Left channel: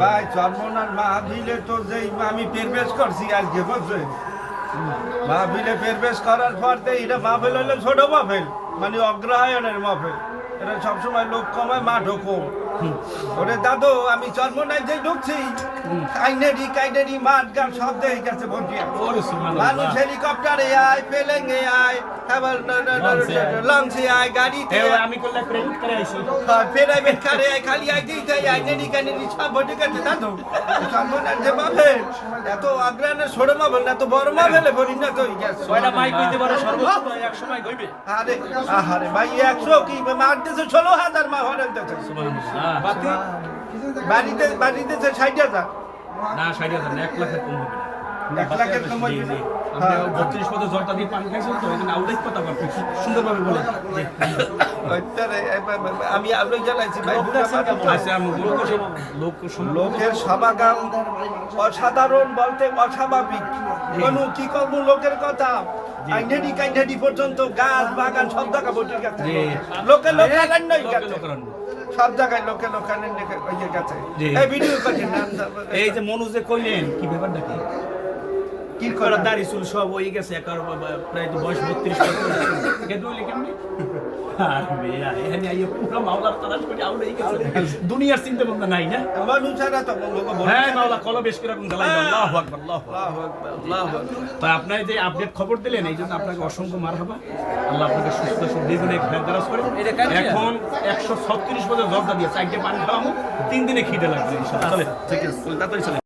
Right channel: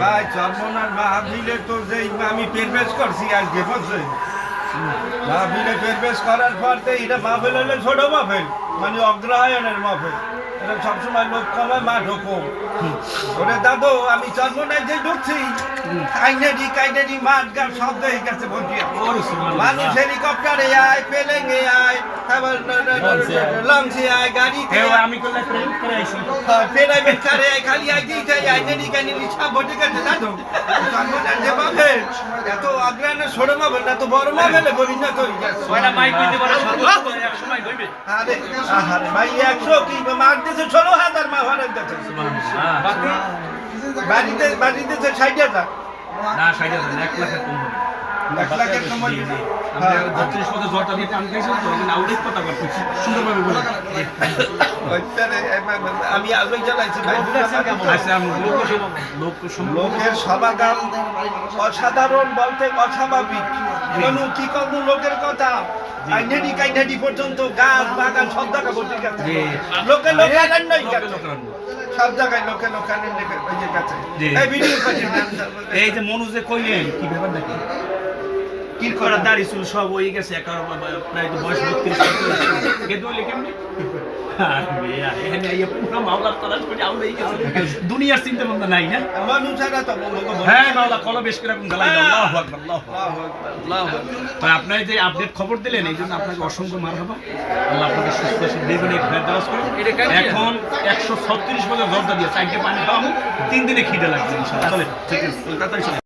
ভাই, চর্মনার মাহাবিলে তো যেই আমি পেরবেশ করছি আজকে, বুঝছেন? মাহাবিলে পেরবেশ করার পর তো এটা মাহফিল হলে ছোট মাহফিল মানে অগ্রহায়ণের মাহফিল। এটা সবসময় লোক কমায় মা ঢোকো। ওরে দাদু, আমি চর্মনায় যে ঢুকছি কাইনেডি কাইনেডি মাঠ গান সব দেখে গেছে ভর্তি মানুষ হেলিকপ্টারে আয় পেলেঙ্গে আয় আবার লঞ্চে আয়। গাড়িতে আয়। আমি করে আইছি প্রাইভেট কারে খালি আইতেই চাই আইডেন্টি কানি রিক্সা ভোটে গেছে দাদু সর্বনাশ যে মাফে এত আগ্রানের ছোট মাফেল না এত বড় মাফেলে পরিণত হয়ে গেছে। মাইক কইতে পারে? সময় কইবে আরে আহারে ভাই একশো কি মারতেছে? ষোলো হাজার মা বাকি বাড়িতে বাড়িতে ষাট হাজার। না ষাট হাজার এক লাখের কম হবে এক লাখের কমাই দিবে হ্যাঁ। বত্রিশ পদে জলটা দিয়ে টান খাইছিল তো এখানে আউটের কথা বলছি সুন্দরভাবে বলে। আমি আলোক জ্বালাইছি ভাই আমি লোক লোক লোকের সমাগম অসাধারণ বলতে অস্বাভাবিক। কোনো কি কম লোকের কথা? আইনেডি কাইনেডি পর্যন্ত গাছ বাগান সব জায়গা বসে গেছে। জি। লোকে লোকে গেছে লোকারণ্য। সব জায়গায় লোকে লোকারণ্য ওই যে গেছে। জি। এই ভিডিও করছি এই যে মনুজে কইলেন কি ব্যাপার দেখি কি করা করে দাড়ি চুল সব হয়ে গেছে একার প্রায় তো বয়স বত্রিশ দুনিয়ার চিন্তা ভাবনা নাই না? হ্যাঁ মাওলা কল বেশ আপনার যে আপডেট খবর দিলেন এই জন্য আপনাকে অসংখ্য মার হবা আল্লাহ আপনাকে সুস্থ ফেরদারাজ এখন একশো ছত্রিশ বছর জর্দা দিয়ে চারটে পানি খাওয়াবো তিন দিনে খিদে ঠিক আছে চলে